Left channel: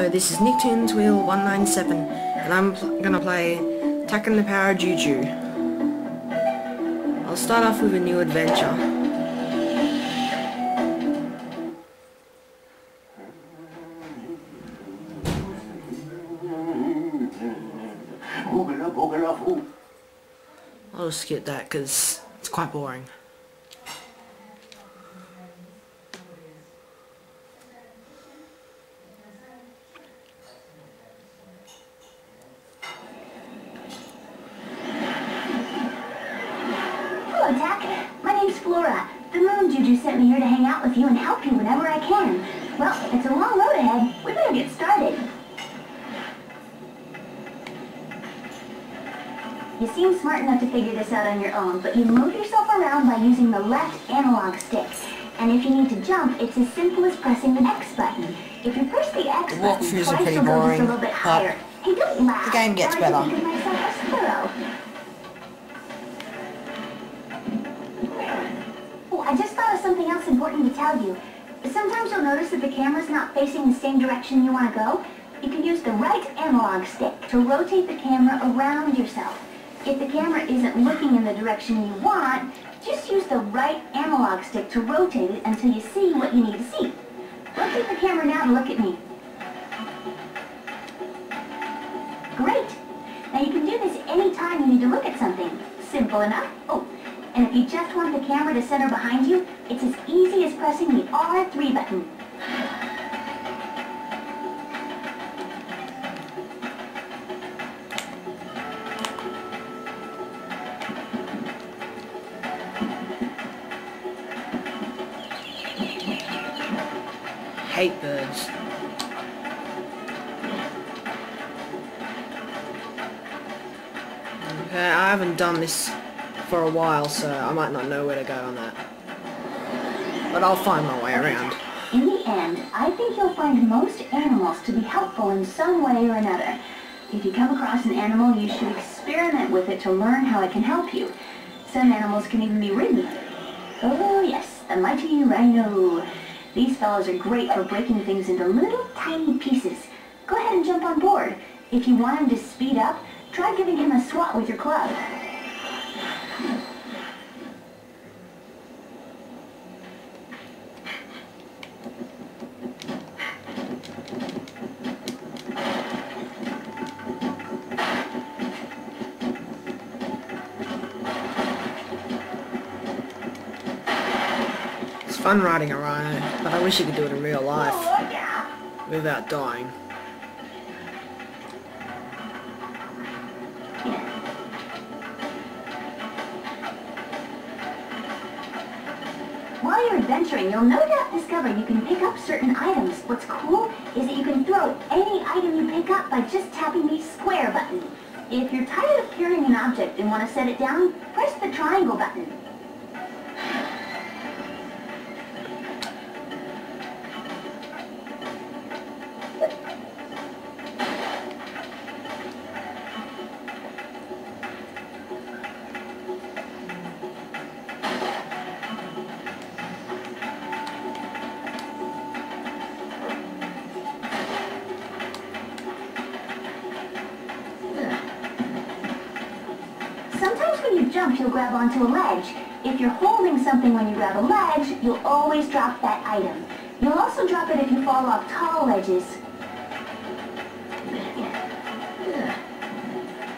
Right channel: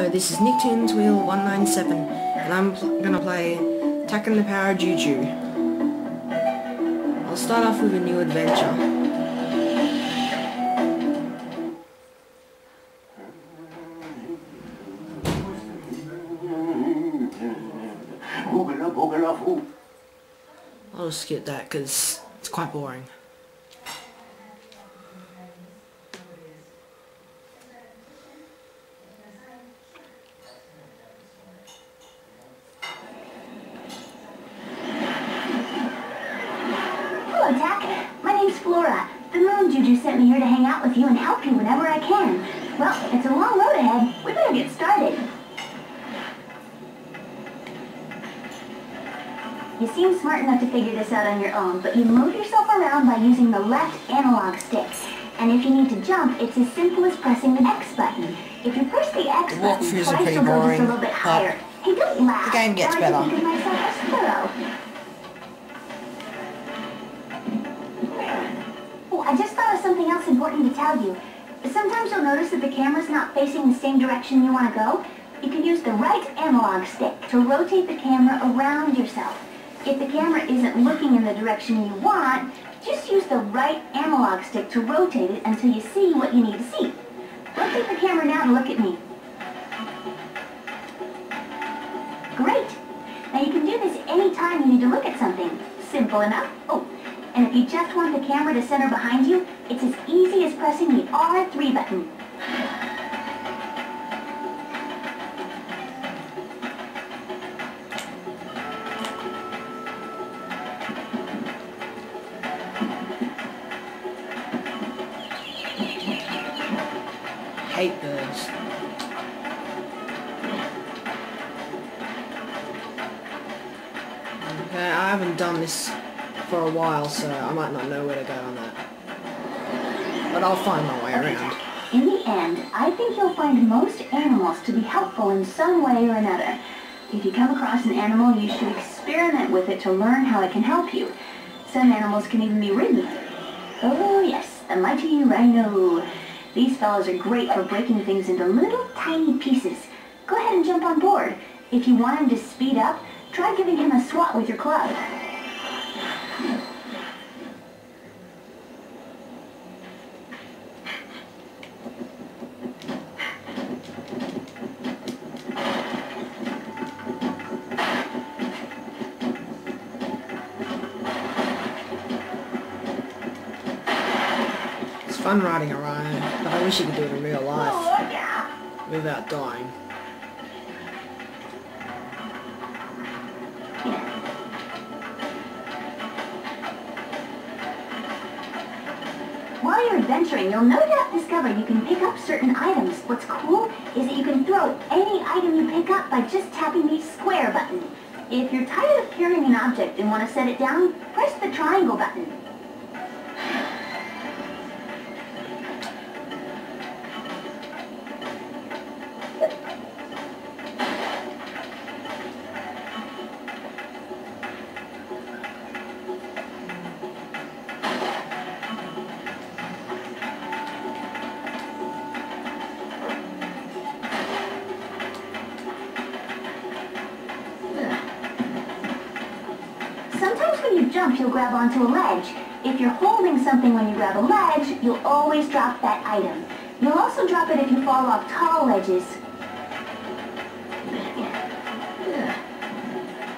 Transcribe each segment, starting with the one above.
Hello, this is Nicktoons Wheel 197, and I'm gonna play Attacking the Power Juju. I'll start off with a new adventure. I'll just skip that because it's quite boring. Hello, Tack. My name's Flora. The moon juju sent me here to hang out with you and help you whenever I can. Well, it's a long road ahead. We better get started. You seem smart enough to figure this out on your own, but you move yourself around by using the left analog stick. And if you need to jump, it's as simple as pressing the X button. If you press the X button, twice you'll go just a little bit higher. Hey, don't laugh. The game gets better. I like to think of myself as thorough. Oh, I just thought of something else important to tell you. Sometimes you'll notice that the camera's not facing the same direction you want to go. You can use the right analog stick to rotate the camera around yourself. If the camera isn't looking in the direction you want, just use the right analog stick to rotate it until you see what you need to see. Rotate the camera now to look at me. Great! Now you can do this anytime you need to look at something. Simple enough. Oh, and if you just want the camera to center behind you, it's as easy as pressing the R3 button. Hate birds. Okay, I haven't done this for a while, so I might not know where to go on that. But I'll find my way around. In the end, I think you'll find most animals to be helpful in some way or another. If you come across an animal, you should experiment with it to learn how it can help you. Some animals can even be ridden. Oh yes, the mighty rhino. These fellows are great for breaking things into little tiny pieces. Go ahead and jump on board. If you want him to speed up, try giving him a swat with your club. It's fun riding a rhino, but I wish you could do it in real life without dying. While you're adventuring, you'll no doubt discover you can pick up certain items. What's cool is that you can throw any item you pick up by just tapping the square button. If you're tired of carrying an object and want to set it down, press the triangle button. Sometimes when you jump, you'll grab onto a ledge. If you're holding something when you grab a ledge, you'll always drop that item. You'll also drop it if you fall off tall ledges.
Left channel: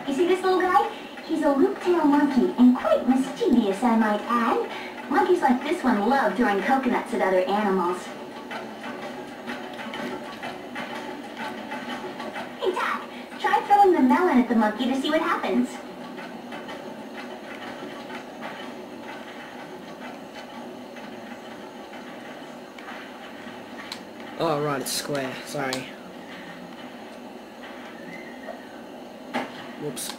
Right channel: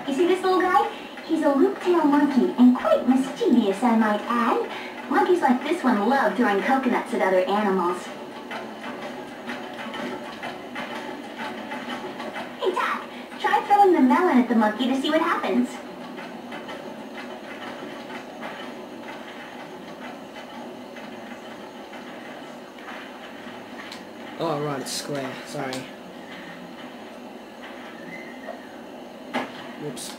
You see this little guy? He's a loop-tail monkey, and quite mischievous, I might add. Monkeys like this one love throwing coconuts at other animals. Hey, Tack, try throwing the melon at the monkey to see what happens. Oh right, it's square, sorry. Whoops.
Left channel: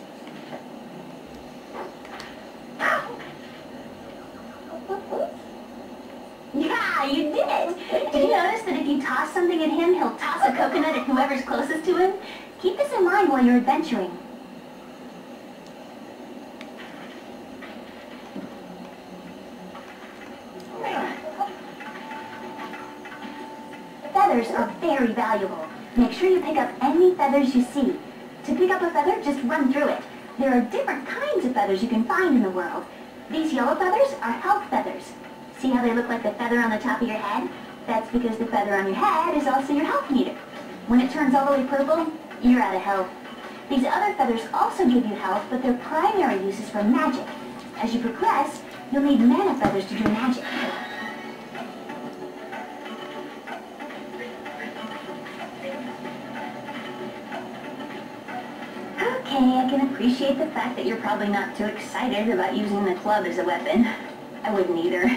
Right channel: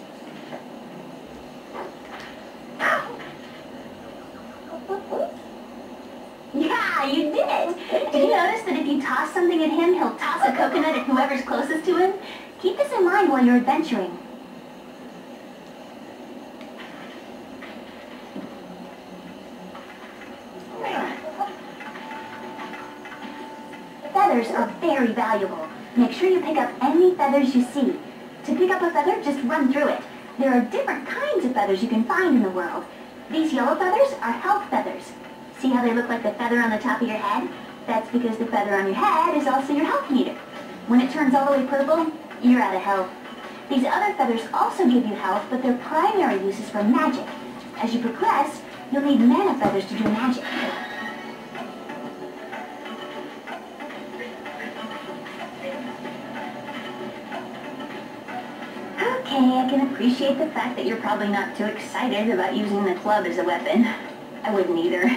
Yeah, you did it! Did you notice that if you toss something at him, he'll toss a coconut at whoever's closest to him? Keep this in mind while you're adventuring. Feathers are very valuable. Make sure you pick up any feathers you see. To pick up a feather, just run through it. There are different kinds of feathers you can find in the world. These yellow feathers are health feathers. See how they look like the feather on the top of your head? That's because the feather on your head is also your health meter. When it turns all the way purple, you're out of health. These other feathers also give you health, but their primary use is for magic. As you progress, you'll need mana feathers to do magic. Okay, I can appreciate the fact that you're probably not too excited about using the club as a weapon. I wouldn't either.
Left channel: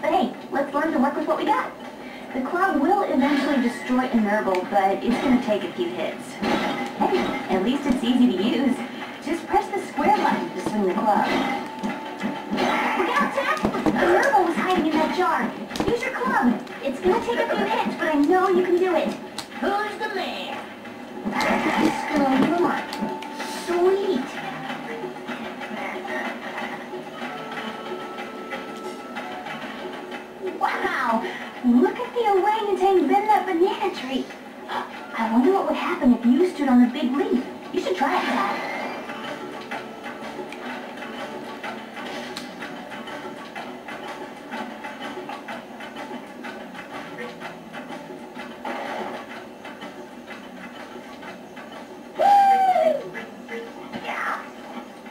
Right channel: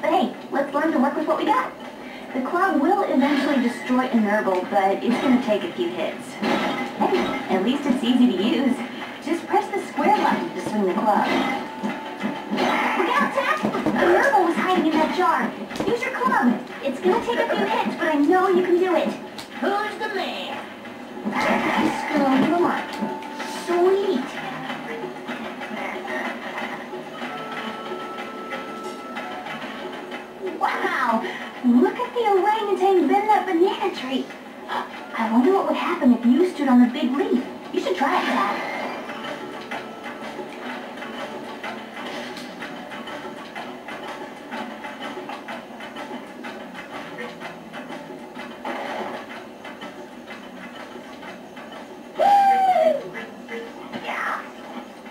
But hey, let's learn to work with what we got. The club will eventually destroy a Nurgle, but it's going to take a few hits. Hey, at least it's easy to use. Just press the square button to swing the club. Look out, Tack! A Nurgle was hiding in that jar. Use your club. It's going to take a few hits, but I know you can do it. Who's the man? Just gonna leave him up. Sweet. Wow! Look at the orangutan bend that banana tree. I wonder what would happen if you stood on the big leaf. You should try it, Tack.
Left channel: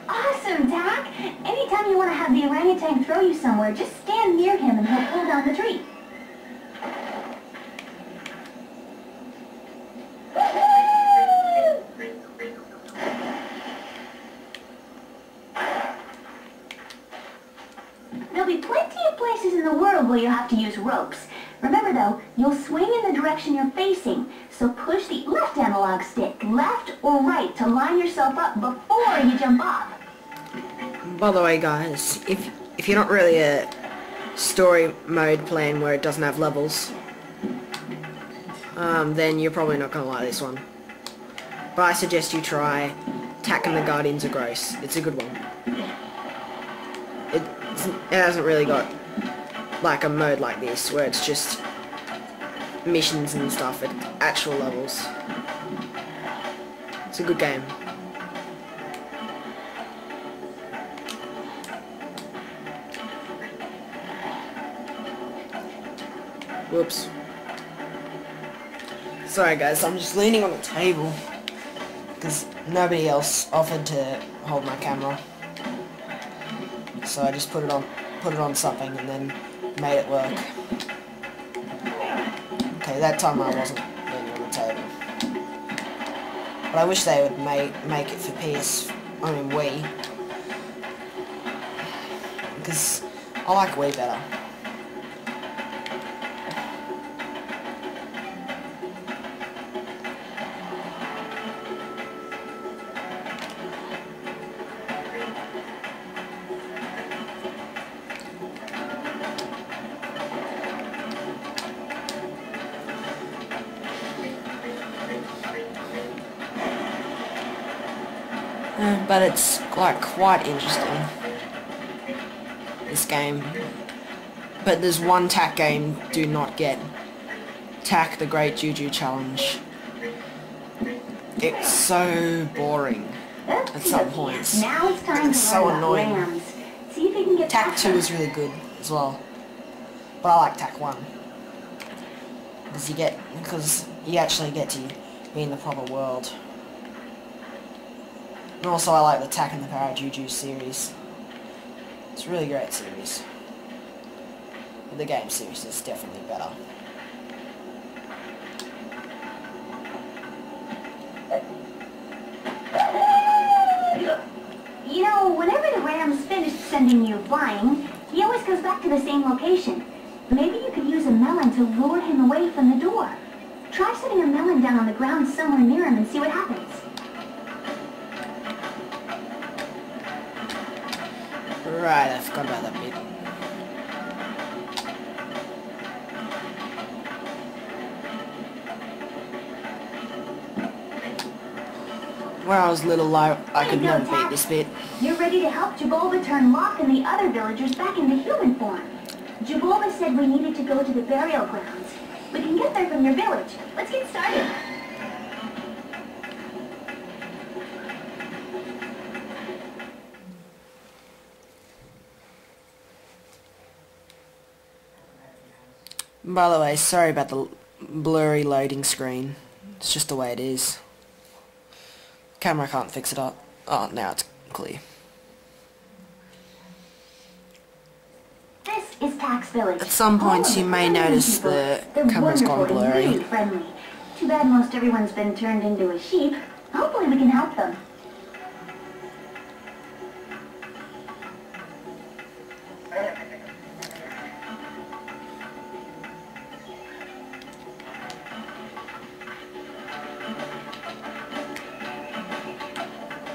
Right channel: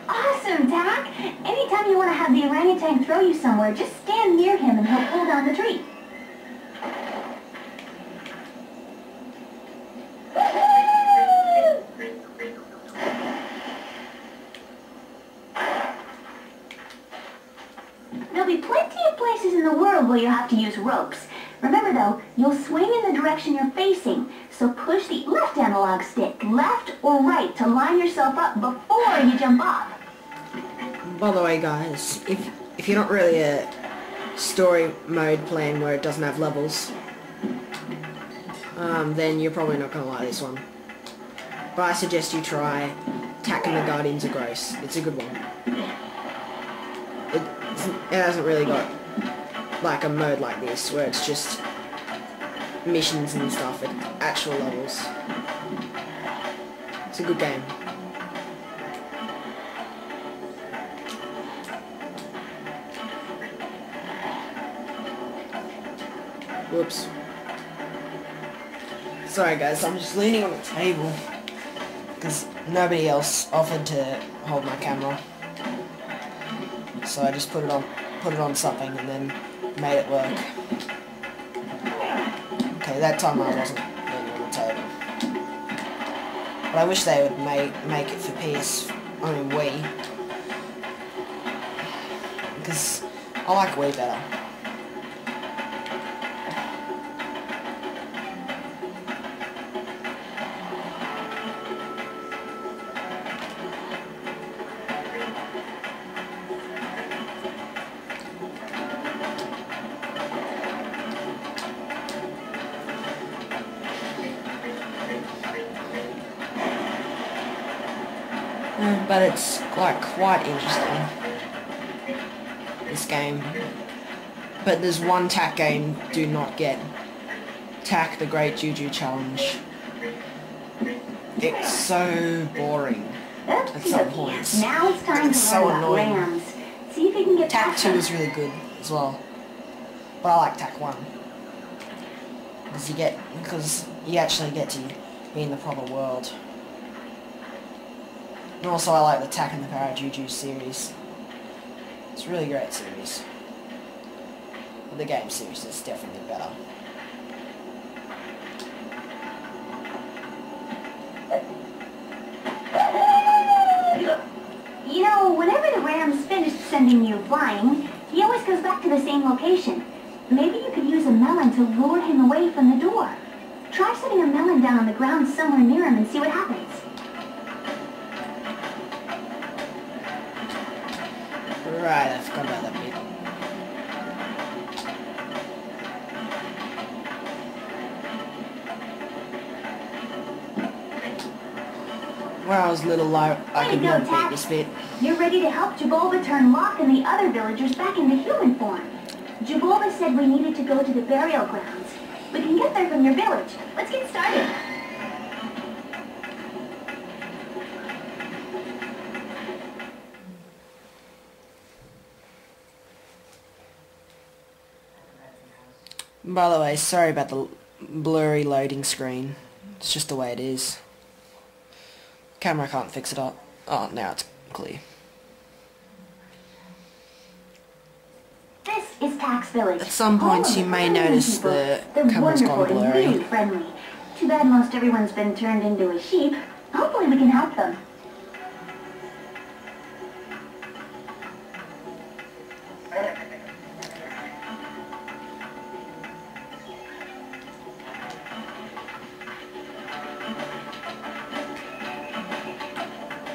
Awesome, Tack! Anytime you want to have the orangutan throw you somewhere, just stand near him and he'll pull down the tree. There'll be plenty of places in the world where you'll have to use ropes. Remember though, you'll swing in the direction you're facing, so push the left analog stick, left or right, to line yourself up before you jump off. By the way guys, if you're not really a story mode playing where it doesn't have levels, then you're probably not going to like this one. But I suggest you try Tack and the Guardians of Gross. It's a good one. It hasn't really got like a mode like this where it's just missions and stuff at actual levels. It's a good game. Whoops. Sorry guys, I'm just leaning on the table because nobody else offered to hold my camera. So I just put it on something and then made it work. Okay, that time I wasn't leaning on the table. But I wish they would make it for Wii. Because I like Wii better. But it's like quite interesting, this game. But there's one Tack game do not get. Tack the Great Juju Challenge. It's so boring at some points. Now it's time to so learn about annoying. rams. See if you can get Tack past 2 them. is really good as well. But I like Tack 1. Because you actually get to be in the proper world. And also I like the Tack and the Parajuju series. It's a really great series. But the game series is definitely better. You know, whenever the ram's finished sending you flying, he always goes back to the same location. Maybe you could use a melon to lure him away from the door. Try setting a melon down on the ground somewhere near him and see what happens. Right, I forgot about that bit. When I was little, I could never beat this bit. You're ready to help Jabulba turn Locke and the other villagers back into human form. Jabulba said we needed to go to the burial grounds. We can get there from your village. Let's get started. By the way, sorry about the blurry loading screen. It's just the way it is. Camera can't fix it up. Oh, now it's clear. This is Tax Village. At some points you may notice the camera's gone blurry. Really friendly. Too bad most everyone's been turned into a sheep. Hopefully we can help them.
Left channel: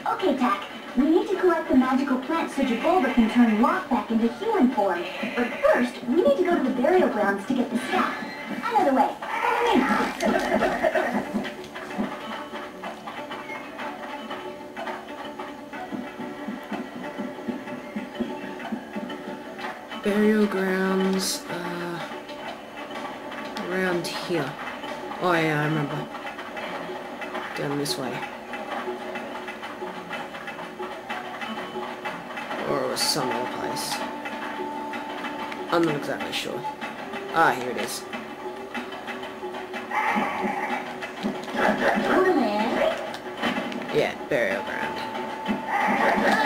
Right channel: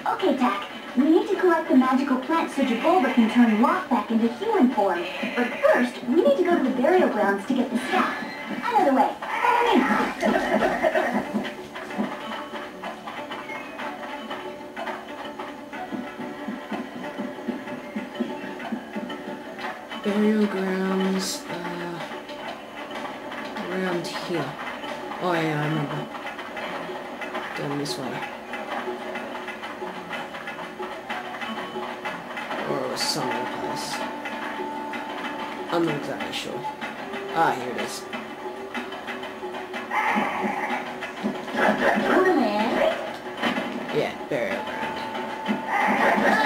Okay, Tack. We need to collect the magical plant so Jabulba can turn Locke back into human form. But first, we need to go to the burial grounds to get the staff. Out of the way. Burial grounds, around here. Oh yeah, I remember. Down this way. Or it was some other place. I'm not exactly sure. Ah, here it is. Yeah, burial ground.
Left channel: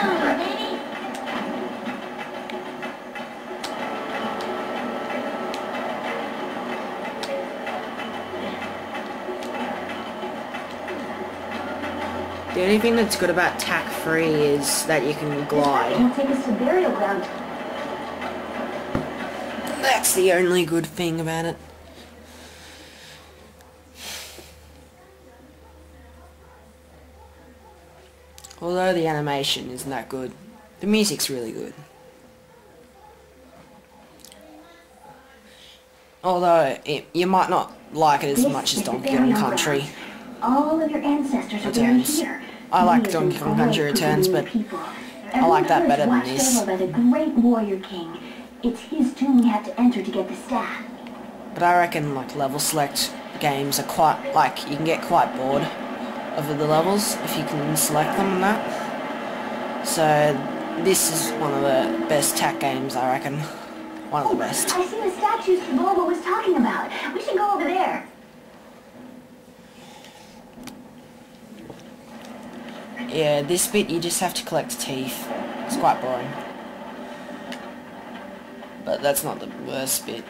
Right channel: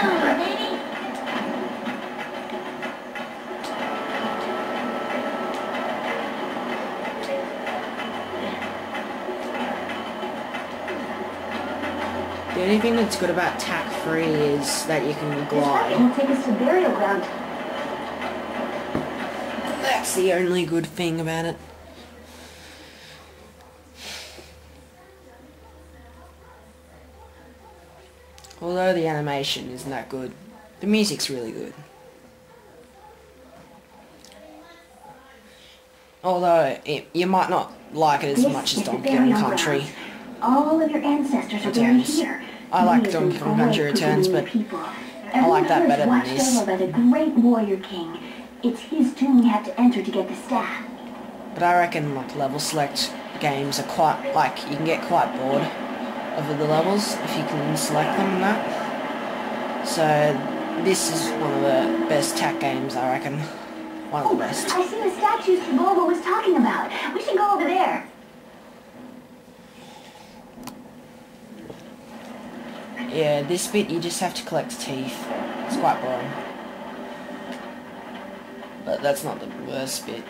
Oh, baby. The only thing that's good about tack free is that you can glide. Will take us to burial ground. That's the only good thing about it. Although the animation isn't that good, the music's really good. Although you might not like it as much as Donkey Kong Country. All of your ancestors are buried here. I like Donkey Kong Country Returns, but I like that better than this. Over by the great warrior king. It's his tomb we have to enter to get the staff. But I reckon like level select games are quite like you can get quite bored of the levels if you can select them and that. So this is one of the best tack games, I reckon. One of the best. I see the statues Bulba was talking about. We should go over there. Yeah, this bit you just have to collect teeth. It's quite boring. But that's not the worst bit.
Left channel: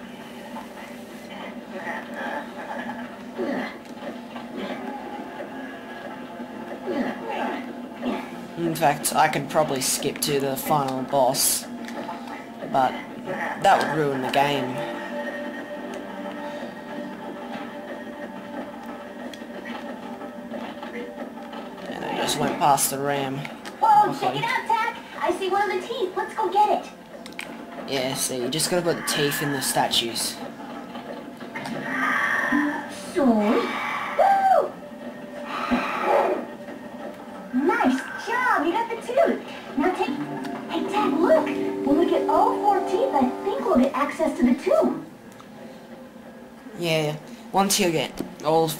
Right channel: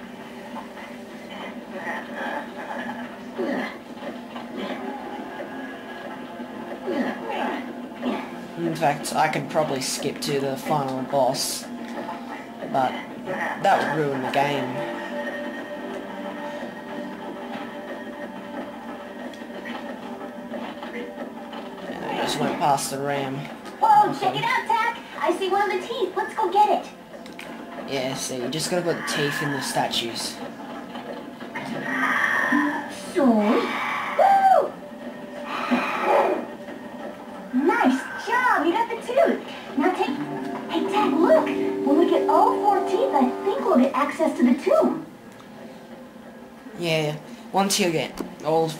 In fact, I could probably skip to the final boss, but that would ruin the game. And I just went past the ram. Whoa, check it out, Tack! I see one of the teeth. Let's go get it. Yeah, see, you just gotta put the teeth in the statues. So, woo! Nice job, you got the tooth. Now take, hey Tack, look. When we get all 4 teeth, I think we'll get access to the tomb. Yeah, once you get all